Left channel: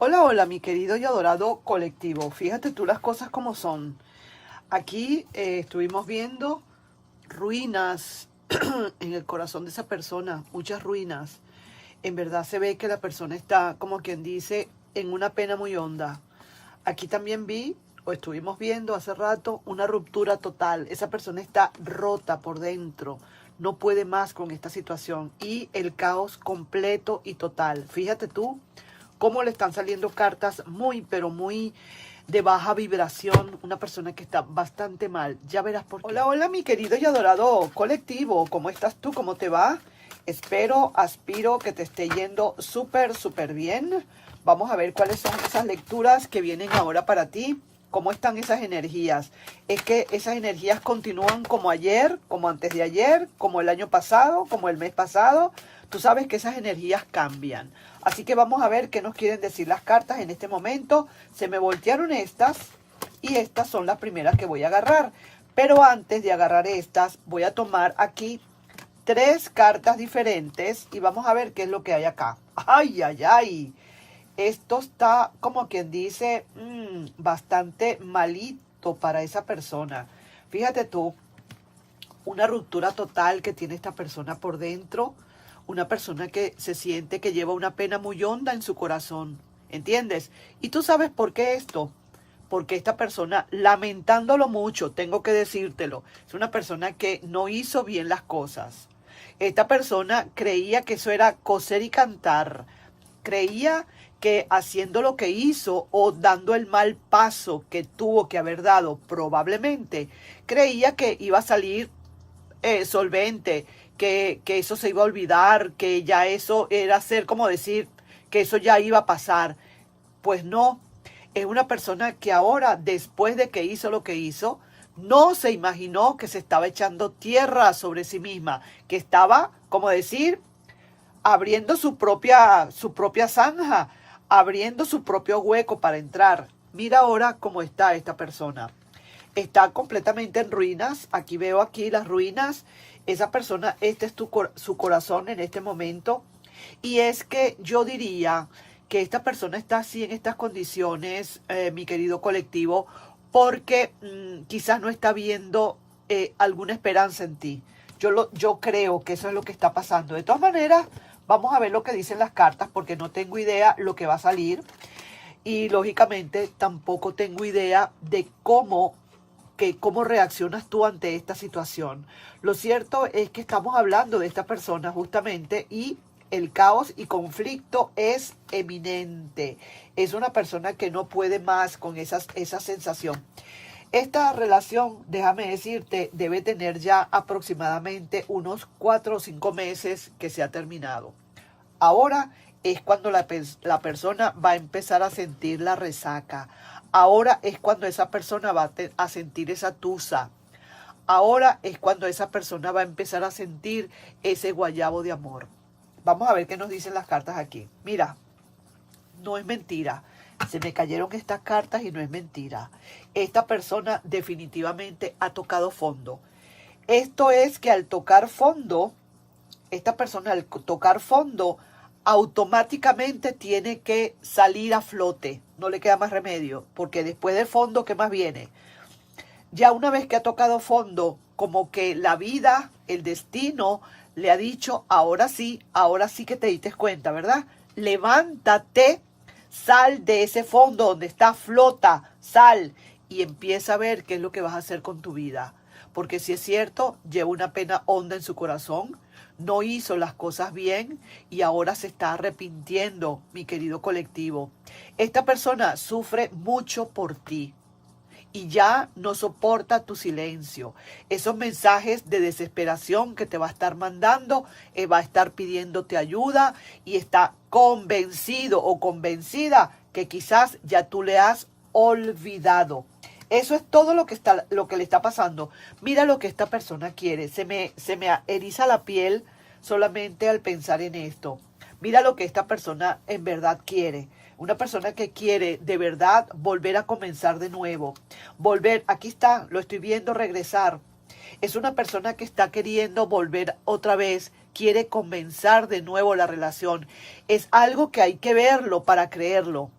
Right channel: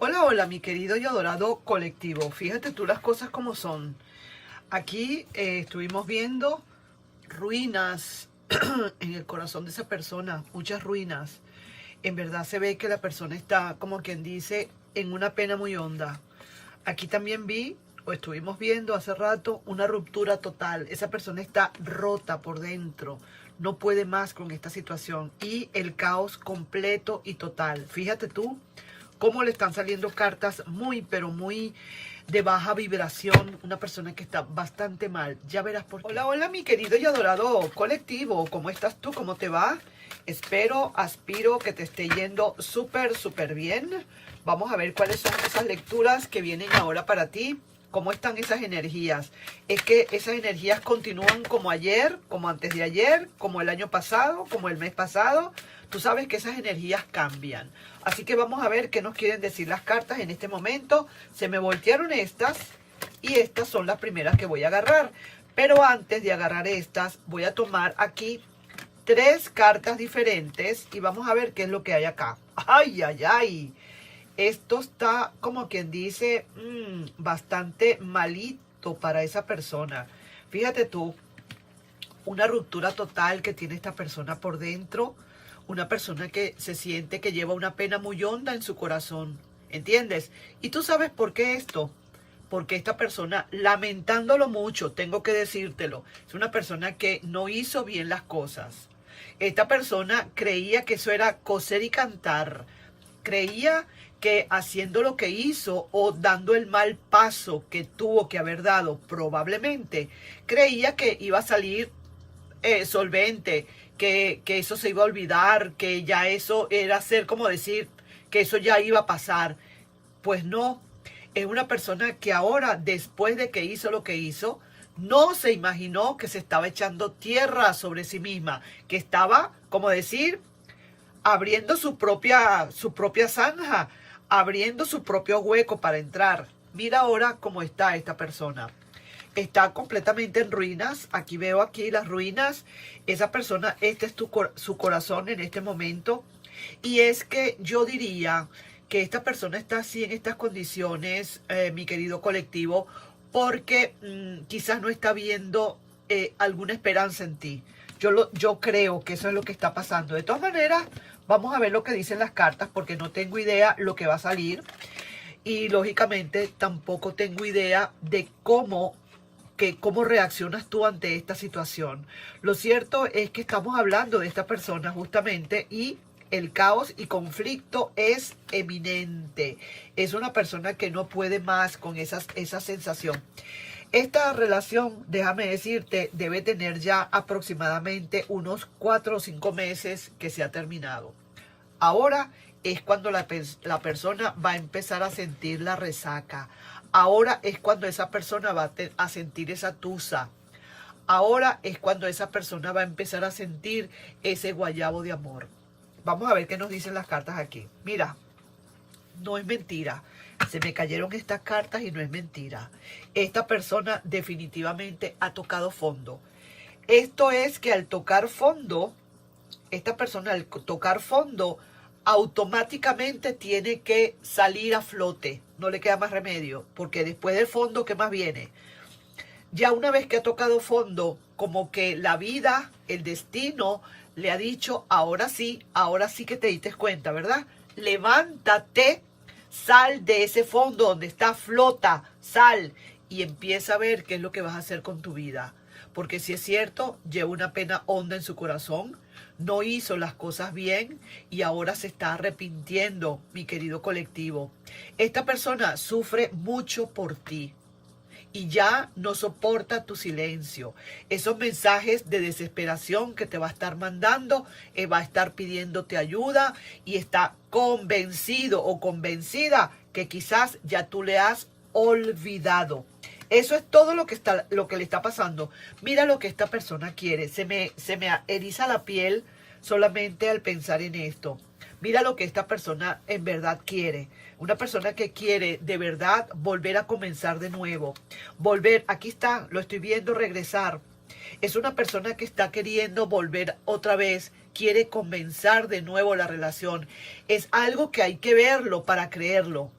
Hola, hola, mi querido y adorado colectivo. Fíjate tú las cosas como son. Aquí estuvimos viendo ruinas en el corazón de esa persona, muchas ruinas. En verdad se ve que la persona está, como quien dice, en una pena muy honda. Aquí también vi, o estuvimos viendo hace rato, una ruptura total. Esa persona está rota por dentro. No puede más con esta situación. Y el caos completo y total. Fíjate tú cómo le están saliendo cartas muy, pero muy de baja vibración. Una persona que está bastante mal. Ya verás por qué. Hola, hola, mi querido y adorado colectivo. ¿Cómo estás tú? ¿Cómo te va? Espero, aspiro que te esté yendo súper, súper bien. Vamos a ver cuáles son esas lecturas que vienen ahora para ti. ¿Cómo están esas energías? Es que esas energías continúan como ayer, como antes de ayer, como el año pasado, como el mes pasado. Tú sabes que esas energías cambian. Así que vamos a ver qué nos quieren decir las cartas en este momento. Se me voltearon estas y estas son las primeras que voy a agarrar. Pero antes de agarrar estas, voy a tomar aquí 3 cartas diferentes y vamos a ver qué es lo que hay acá. ¡Ay, ay, ay! Esto está, como quien dice, bastante malito para esa persona. Fíjate tú, una ruptura total que tiene esta persona por dentro. Una persona que se siente que lleva una pena muy honda en su corazón. ¿Entiendes? Y tú sabes por qué esto. Porque esta persona, lamentándolo mucho, tengo que decírtelo, es una persona que no hizo bien las cosas. Esta persona creía que eso era coser y cantar. Creía que haciendo lo que hizo o dando el mal paso que tuvo que haber dado probablemente, creía que iba a salir solvente, que eso se iba a olvidar, que ya eso era ser como decir que eso ya iba a pasar. Pues no, es una persona que ahora, después de que hizo lo que hizo, no se imaginó que se estaba echando tierra sobre sí misma, que estaba, como decir, abriendo su propia zanja, abriendo su propio hueco para entrar. Mira ahora cómo está esta persona. Está completamente en ruinas. Aquí veo aquí las ruinas. Esa persona, este es su corazón en este momento. Y es que yo diría que esta persona está así en estas condiciones, mi querido colectivo, porque quizás no está viendo alguna esperanza en ti. Yo creo que eso es lo que está pasando. De todas maneras, vamos a ver lo que dicen las cartas, porque no tengo idea lo que va a salir. Y lógicamente tampoco tengo idea de cómo reaccionas tú ante esta situación. Lo cierto es que estamos hablando de esta persona justamente y el caos y conflicto es eminente. Es una persona que no puede más con esa sensación. Esta relación, déjame decirte, debe tener ya aproximadamente unos 4 o 5 meses que se ha terminado. Ahora es cuando la persona va a empezar a sentir la resaca. Ahora es cuando esa persona va a sentir esa tusa. Ahora es cuando esa persona va a empezar a sentir ese guayabo de amor. Vamos a ver qué nos dicen las cartas aquí. Mira, no es mentira. Se me cayeron estas cartas y no es mentira. Esta persona definitivamente ha tocado fondo. Esto es que al tocar fondo, esta persona al tocar fondo, automáticamente tiene que salir a flote. No le queda más remedio, porque después del fondo, ¿qué más viene? Ya una vez que ha tocado fondo, como que la vida, el destino, le ha dicho, ahora sí que te diste cuenta, ¿verdad? Levántate, sal de ese fondo donde está, flota, sal y empieza a ver qué es lo que vas a hacer con tu vida. Porque si es cierto, lleva una pena honda en su corazón, no hizo las cosas bien y ahora se está arrepintiendo, mi querido colectivo. Esta persona sufre mucho por ti y ya no soporta tu silencio. Esos mensajes de desesperación que te va a estar mandando, va a estar pidiéndote ayuda y está convencido o convencida que quizás ya tú le has olvidado. Eso es todo lo que le está pasando. Mira lo que esta persona quiere. Se me eriza la piel solamente al pensar en esto. Mira lo que esta persona en verdad quiere. Una persona que quiere de verdad volver a comenzar de nuevo. Volver, aquí está, lo estoy viendo regresar. Es una persona que está queriendo volver otra vez, quiere comenzar de nuevo la relación. Es algo que hay que verlo para creerlo.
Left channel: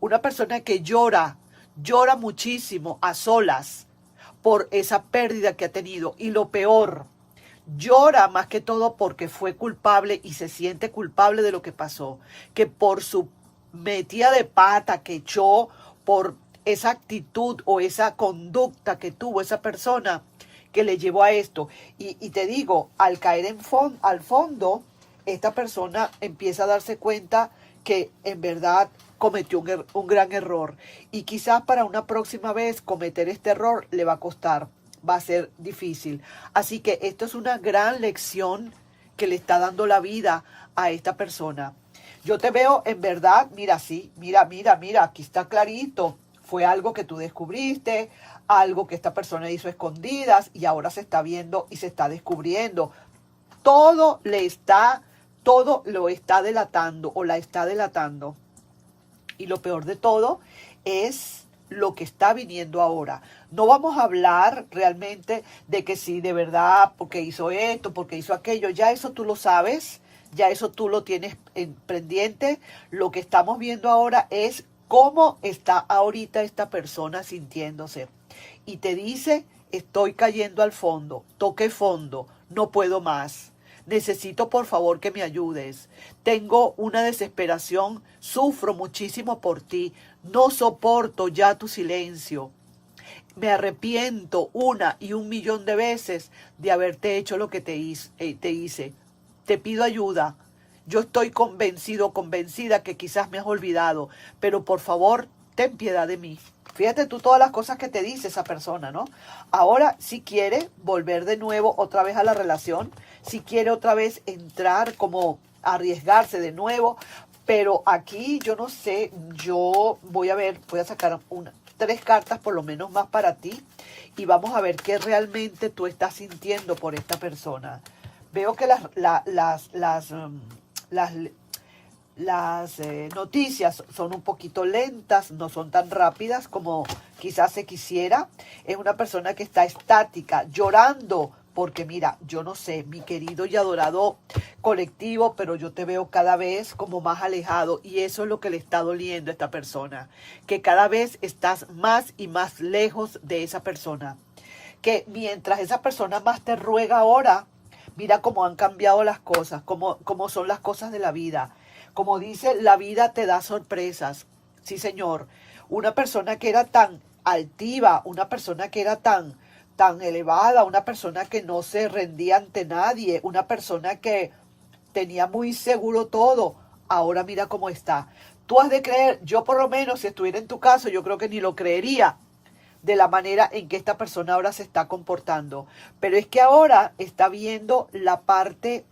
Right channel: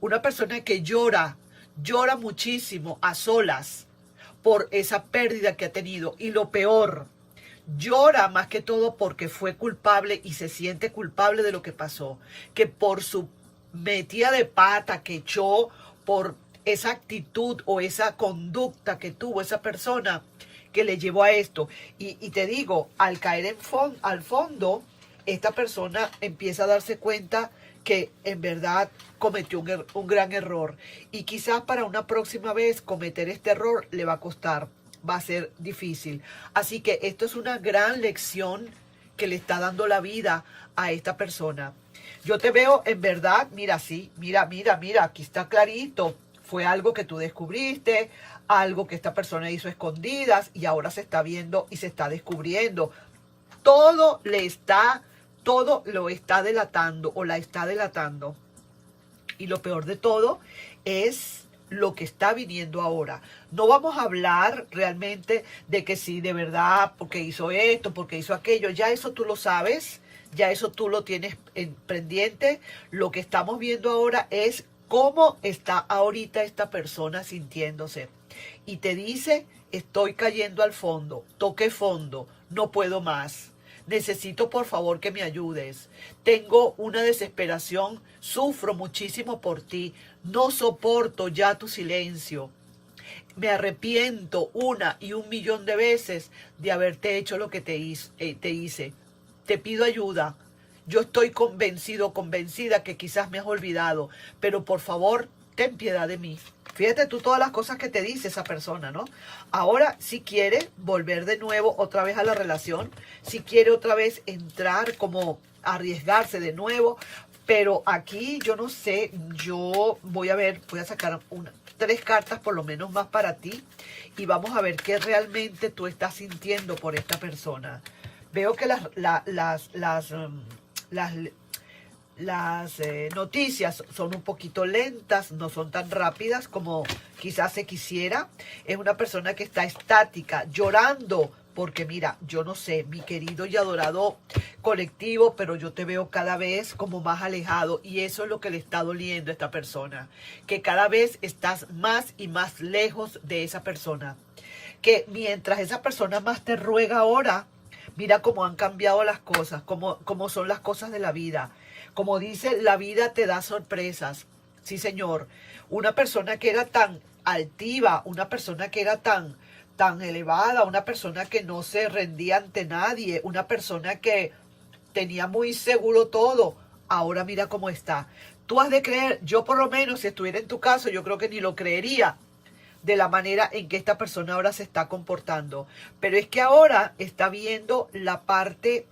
Una persona que llora muchísimo a solas por esa pérdida que ha tenido. Y lo peor, llora más que todo porque fue culpable y se siente culpable de lo que pasó. Que por su metida de pata que echó, por esa actitud o esa conducta que tuvo esa persona que le llevó a esto. Y te digo, al caer al fondo, esta persona empieza a darse cuenta que en verdad cometió un gran error. Y quizás para una próxima vez cometer este error le va a costar, va a ser difícil. Así que esto es una gran lección que le está dando la vida a esta persona. Yo te veo en verdad, mira, sí, mira, aquí está clarito. Fue algo que tú descubriste, algo que esta persona hizo escondidas y ahora se está viendo y se está descubriendo. Todo lo está delatando o la está delatando. Y lo peor de todo es lo que está viniendo ahora. No vamos a hablar realmente de que sí, de verdad, porque hizo esto, porque hizo aquello. Ya eso tú lo sabes, ya eso tú lo tienes pendiente. Lo que estamos viendo ahora es cómo está ahorita esta persona sintiéndose. Y te dice, estoy cayendo al fondo, toqué fondo, no puedo más. Necesito por favor que me ayudes. Tengo una desesperación, sufro muchísimo por ti. No soporto ya tu silencio. Me arrepiento 1.000.000 de veces de haberte hecho lo que te hice. Te pido ayuda. Yo estoy convencida que quizás me has olvidado, pero por favor, ten piedad de mí. Fíjate tú todas las cosas que te dice esa persona, ¿no? Ahora, si quiere volver de nuevo otra vez a la relación, si quiere otra vez entrar, como arriesgarse de nuevo, pero aquí yo no sé, yo voy a sacar 3 cartas por lo menos más para ti y vamos a ver qué realmente tú estás sintiendo por esta persona. Veo que las noticias son un poquito lentas, no son tan rápidas como quizás se quisiera. Es una persona que está estática, llorando, porque mira, yo no sé, mi querido y adorado colectivo, pero yo te veo cada vez como más alejado y eso es lo que le está doliendo a esta persona, que cada vez estás más y más lejos de esa persona, que mientras esa persona más te ruega ahora, mira cómo han cambiado las cosas, cómo son las cosas de la vida. Como dice, la vida te da sorpresas. Sí, señor. Una persona que era tan altiva, una persona que era tan elevada, una persona que no se rendía ante nadie, una persona que tenía muy seguro todo. Ahora mira cómo está. Tú has de creer, yo por lo menos, si estuviera en tu caso, yo creo que ni lo creería de la manera en que esta persona ahora se está comportando. Pero es que ahora está viendo la parte,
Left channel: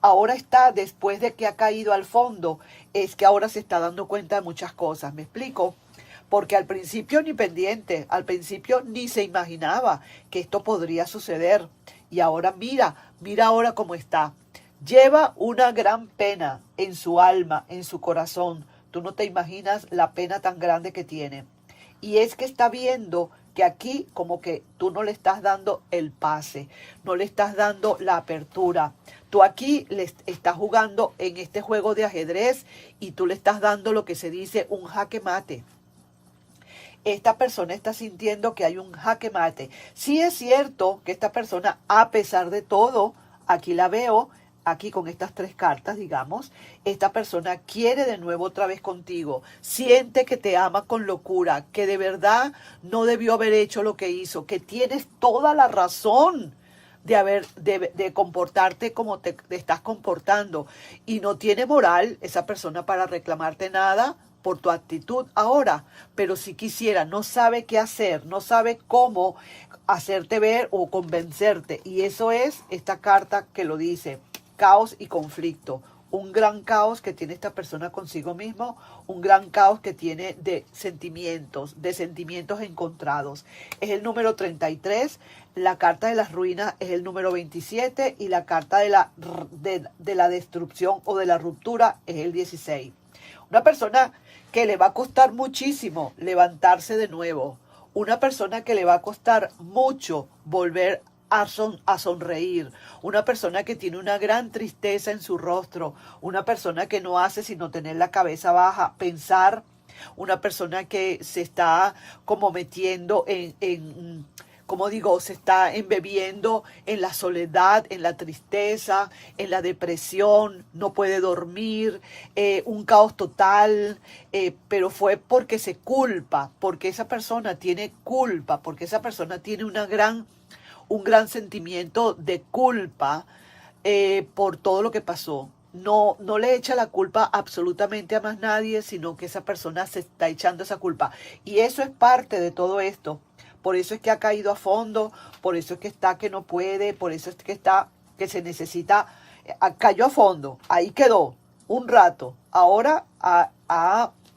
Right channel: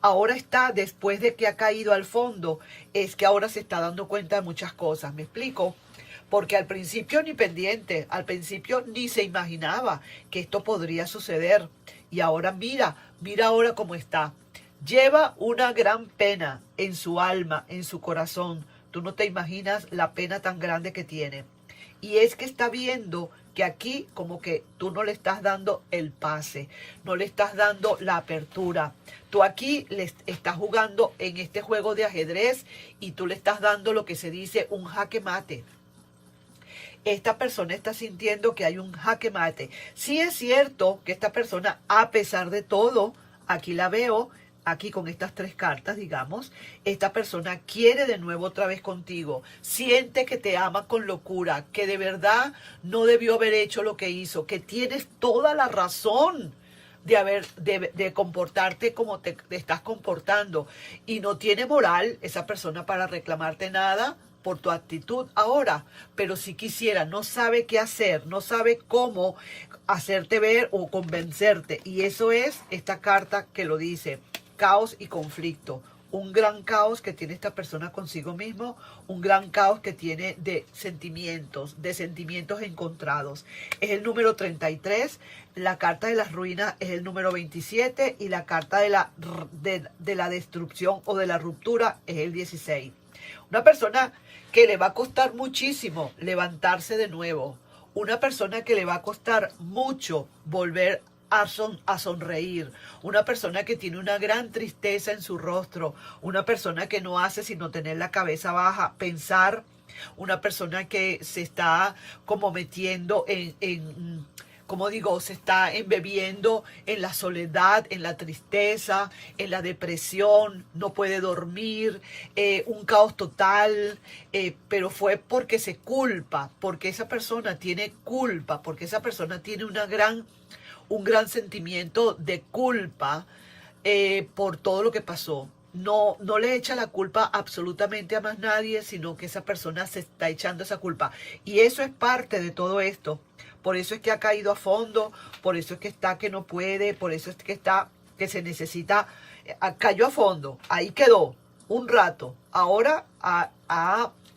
ahora está, después de que ha caído al fondo, es que ahora se está dando cuenta de muchas cosas. ¿Me explico? Porque al principio ni pendiente, al principio ni se imaginaba que esto podría suceder. Y ahora mira ahora cómo está. Lleva una gran pena en su alma, en su corazón. Tú no te imaginas la pena tan grande que tiene. Y es que está viendo que aquí como que tú no le estás dando el pase, no le estás dando la apertura. Tú aquí le estás jugando en este juego de ajedrez y tú le estás dando lo que se dice un jaque mate. Esta persona está sintiendo que hay un jaque mate. Sí es cierto que esta persona, a pesar de todo, aquí la veo, aquí con estas 3 cartas, digamos, esta persona quiere de nuevo otra vez contigo, siente que te ama con locura, que de verdad no debió haber hecho lo que hizo, que tienes toda la razón de comportarte como te estás comportando y no tiene moral esa persona para reclamarte nada por tu actitud ahora, pero si quisiera, no sabe qué hacer, no sabe cómo hacerte ver o convencerte, y eso es esta carta que lo dice. Caos y conflicto, un gran caos que tiene esta persona consigo mismo, un gran caos que tiene de sentimientos encontrados. Es el número 33, la carta de las ruinas es el número 27 y la carta de la destrucción o de la ruptura es el 16. Una persona que le va a costar muchísimo levantarse de nuevo, una persona que le va a costar mucho volver a sonreír, una persona que tiene una gran tristeza en su rostro, una persona que no hace sino tener la cabeza baja, pensar una persona que se está como metiendo como digo, se está embebiendo en la soledad, en la tristeza, en la depresión, no puede dormir, un caos total, pero fue porque se culpa, porque esa persona tiene culpa, porque esa persona tiene un gran sentimiento de culpa por todo lo que pasó. No, no le echa la culpa absolutamente a más nadie, sino que esa persona se está echando esa culpa. Y eso es parte de todo esto. Por eso es que ha caído a fondo, por eso es que está que no puede, por eso es que está que se necesita, cayó a fondo, ahí quedó un rato. Ahora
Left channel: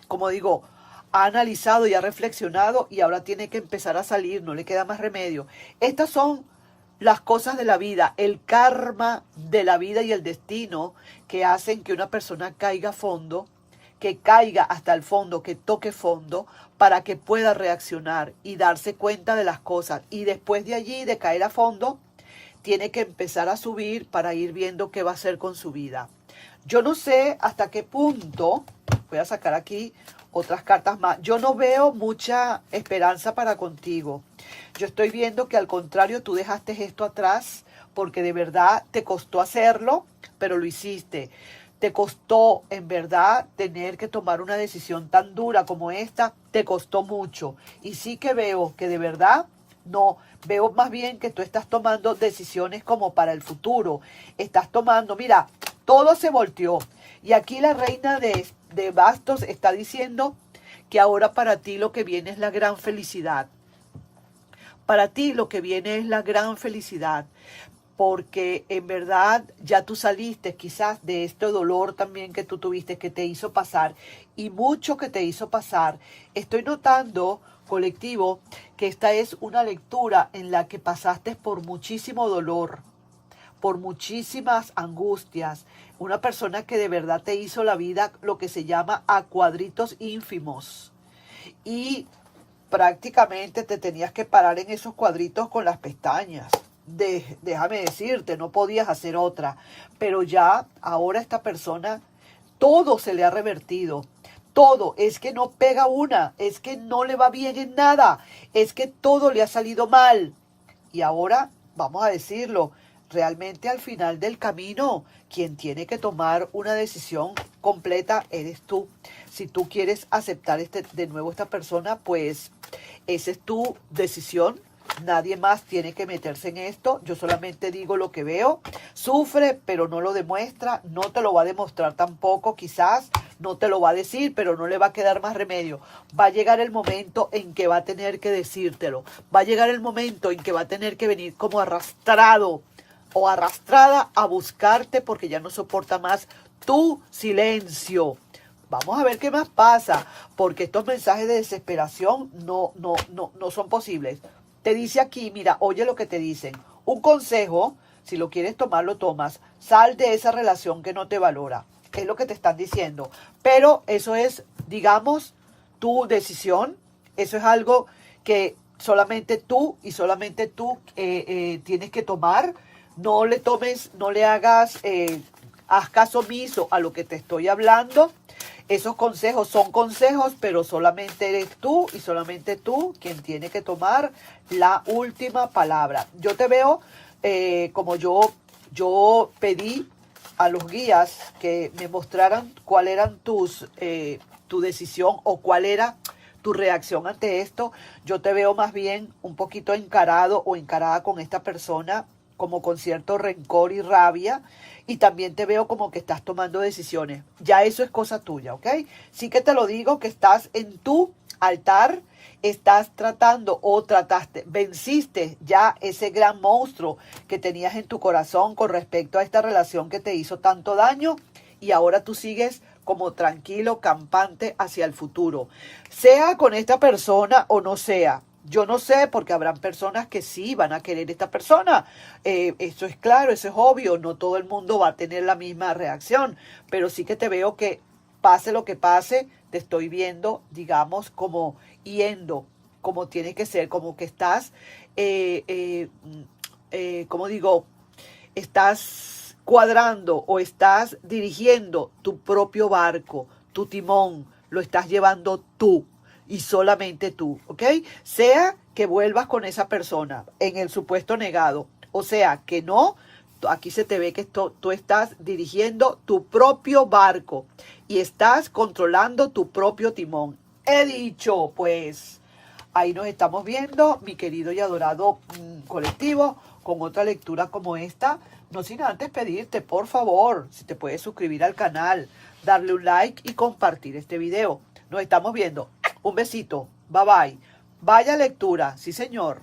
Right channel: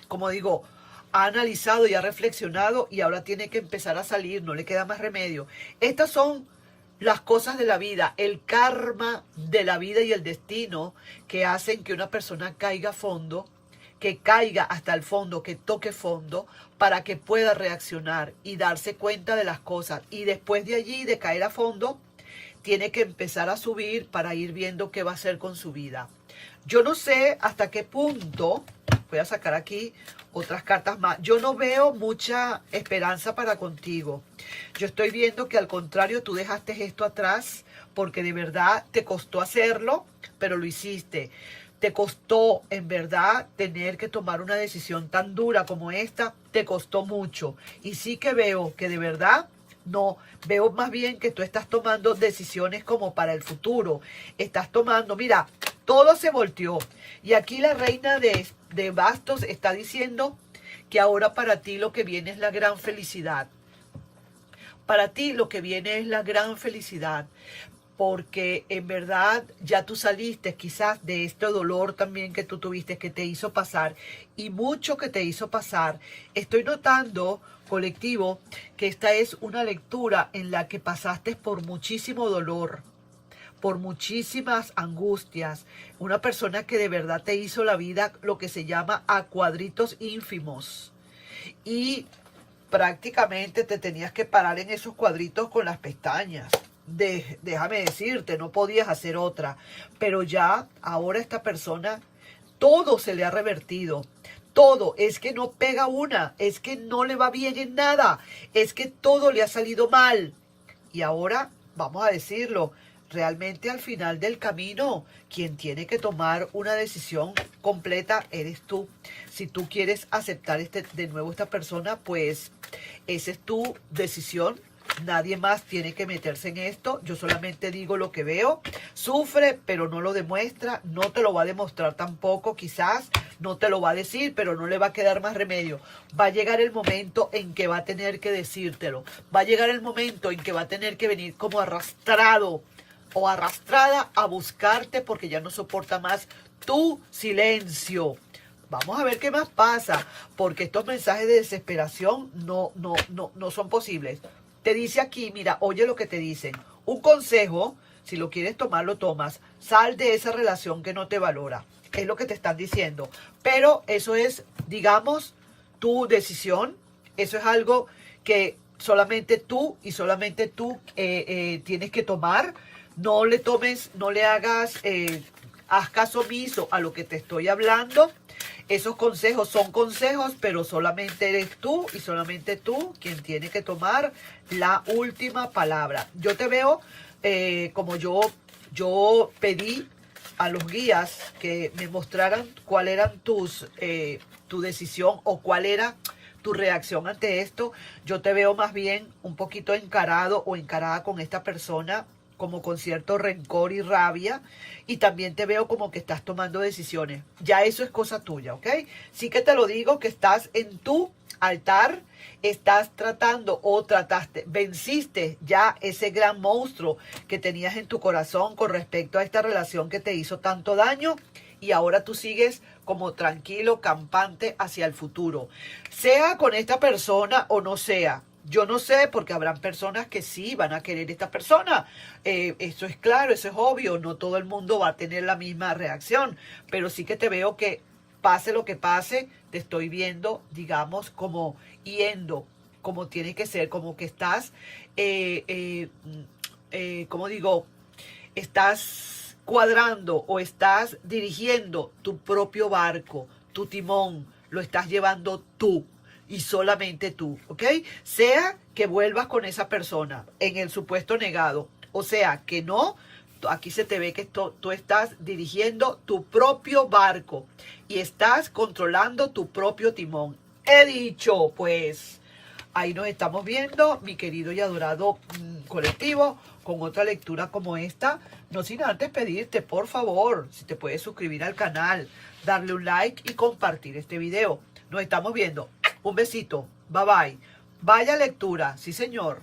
como digo, ha analizado y ha reflexionado y ahora tiene que empezar a salir, no le queda más remedio. Estas son las cosas de la vida, el karma de la vida y el destino que hacen que una persona caiga a fondo, que caiga hasta el fondo, que toque fondo, para que pueda reaccionar y darse cuenta de las cosas. Y después de allí, de caer a fondo, tiene que empezar a subir para ir viendo qué va a hacer con su vida. Yo no sé hasta qué punto, voy a sacar aquí otras cartas más, yo no veo mucha esperanza para contigo. Yo estoy viendo que al contrario, tú dejaste esto atrás porque de verdad te costó hacerlo, pero lo hiciste. Te costó, en verdad, tener que tomar una decisión tan dura como esta, te costó mucho. Y sí que veo que de verdad, no, veo más bien que tú estás tomando decisiones como para el futuro. Estás tomando, mira, todo se volteó. Y aquí la reina de bastos está diciendo que ahora para ti lo que viene es la gran felicidad. Para ti lo que viene es la gran felicidad. Porque en verdad ya tú saliste quizás de este dolor también que tú tuviste, que te hizo pasar, y mucho que te hizo pasar. Estoy notando, colectivo, que esta es una lectura en la que pasaste por muchísimo dolor, por muchísimas angustias, una persona que de verdad te hizo la vida lo que se llama a cuadritos ínfimos, y prácticamente te tenías que parar en esos cuadritos con las pestañas. Déjame decirte, no podías hacer otra, pero ya ahora esta persona, todo se le ha revertido, todo, es que no pega una, es que no le va bien en nada, es que todo le ha salido mal. Y ahora, vamos a decirlo, realmente al final del camino, quien tiene que tomar una decisión completa eres tú. Si tú quieres aceptar de nuevo esta persona, pues esa es tu decisión. Nadie más tiene que meterse en esto. Yo solamente digo lo que veo. Sufre, pero no lo demuestra. No te lo va a demostrar tampoco, quizás. No te lo va a decir, pero no le va a quedar más remedio. Va a llegar el momento en que va a tener que decírtelo. Va a llegar el momento en que va a tener que venir como arrastrado o arrastrada a buscarte porque ya no soporta más tu silencio. Vamos a ver qué más pasa, porque estos mensajes de desesperación no son posibles. Te dice aquí, mira, oye lo que te dicen. Un consejo, si lo quieres tomar, lo tomas. Sal de esa relación que no te valora. Es lo que te están diciendo. Pero eso es, digamos, tu decisión. Eso es algo que solamente tú y solamente tú tienes que tomar. No le tomes, no le hagas, haz caso omiso a lo que te estoy hablando. Esos consejos son consejos, pero solamente eres tú y solamente tú quien tiene que tomar la última palabra. Yo te veo como yo pedí a los guías que me mostraran cuál eran tu decisión o cuál era tu reacción ante esto. Yo te veo más bien un poquito encarado o encarada con esta persona, como con cierto rencor y rabia, y también te veo como que estás tomando decisiones. Ya eso es cosa tuya, ¿ok? Sí que te lo digo, que estás en tu altar, estás tratando o trataste, venciste ya ese gran monstruo que tenías en tu corazón con respecto a esta relación que te hizo tanto daño, y ahora tú sigues como tranquilo, campante hacia el futuro. Sea con esta persona o no sea. Yo no sé, porque habrán personas que sí van a querer esta persona. Eso es claro, eso es obvio. No todo el mundo va a tener la misma reacción. Pero sí que te veo que pase lo que pase, te estoy viendo, digamos, como yendo, como tiene que ser, como que estás, como digo, estás cuadrando o estás dirigiendo tu propio barco, tu timón, lo estás llevando tú y solamente tú, ¿ok? Sea que vuelvas con esa persona en el supuesto negado, o sea que no, aquí se te ve que tú estás dirigiendo tu propio barco y estás controlando tu propio timón. He dicho, pues, ahí nos estamos viendo, mi querido y adorado colectivo, con otra lectura como esta. No sin antes pedirte, por favor, si te puedes suscribir al canal, darle un like y compartir este video. Nos estamos viendo. Un besito. Bye bye. Vaya lectura. Sí, señor.